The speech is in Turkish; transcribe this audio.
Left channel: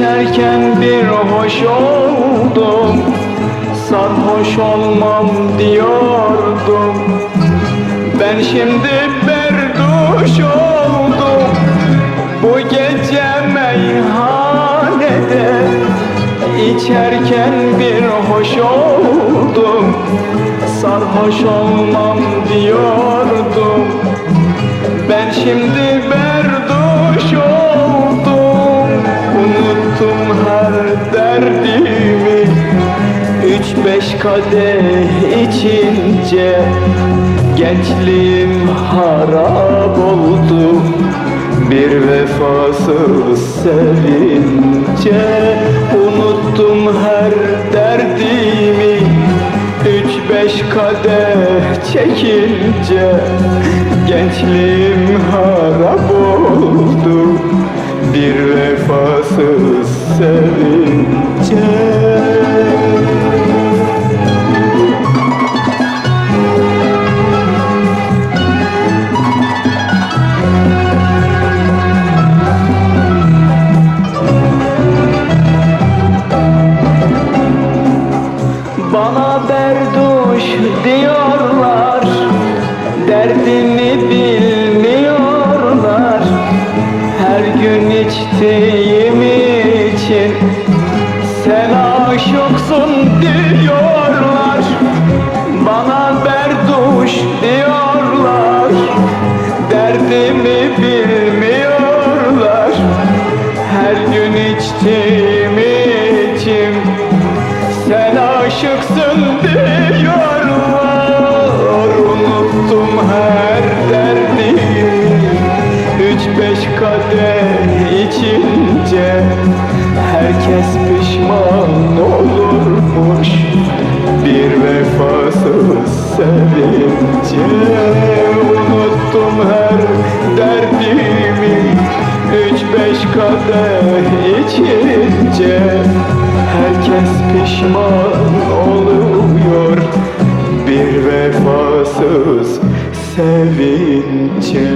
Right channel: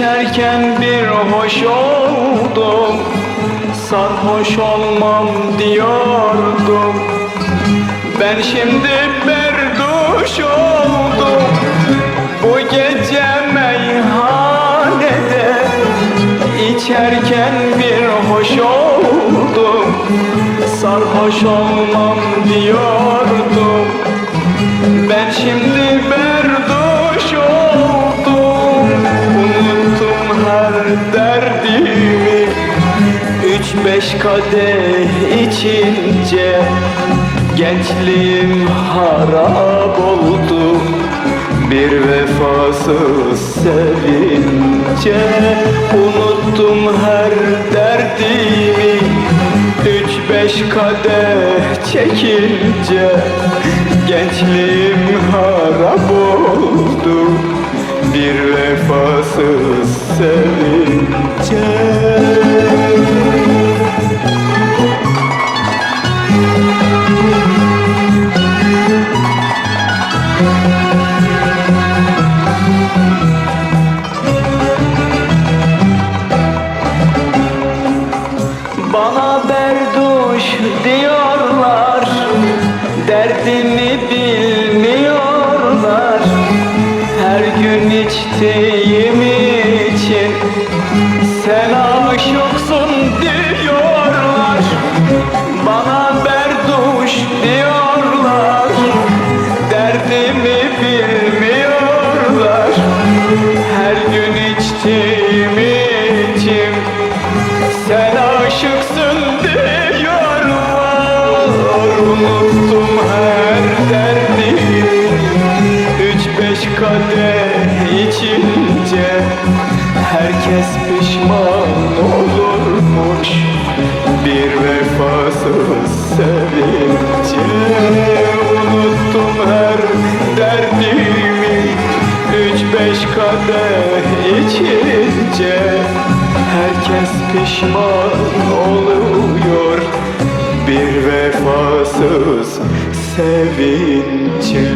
içerken bir hoş oldum. Sarhoş olmam diyordum. Ben şimdi berduş oldum. Bu gece meyhanede içerken bir hoş oldum. Sarhoş olmam diyordum. Ben şimdi berduş beş kadeh içince Gençliğim harap oldu. Bir vefasız sevince Unuttum her derdimi. Üç beş kadeh çekince Gençliğim harap oldu. Bir vefasız sevince diyorlar. Derdimi bilmiyorlar. Her gün içtiğim için Sen aşıksın diyorlar. Bana berduş diyorlar. Derdimi bilmiyorlar. Her gün içtiğim için sen aşıksın diyorlar Herkes pişman olurmuş. Bir vefasız sevince Unuttum her derdimi. Üç beş kadeh içince Herkes pişman oluyor. Bir vefasız sevince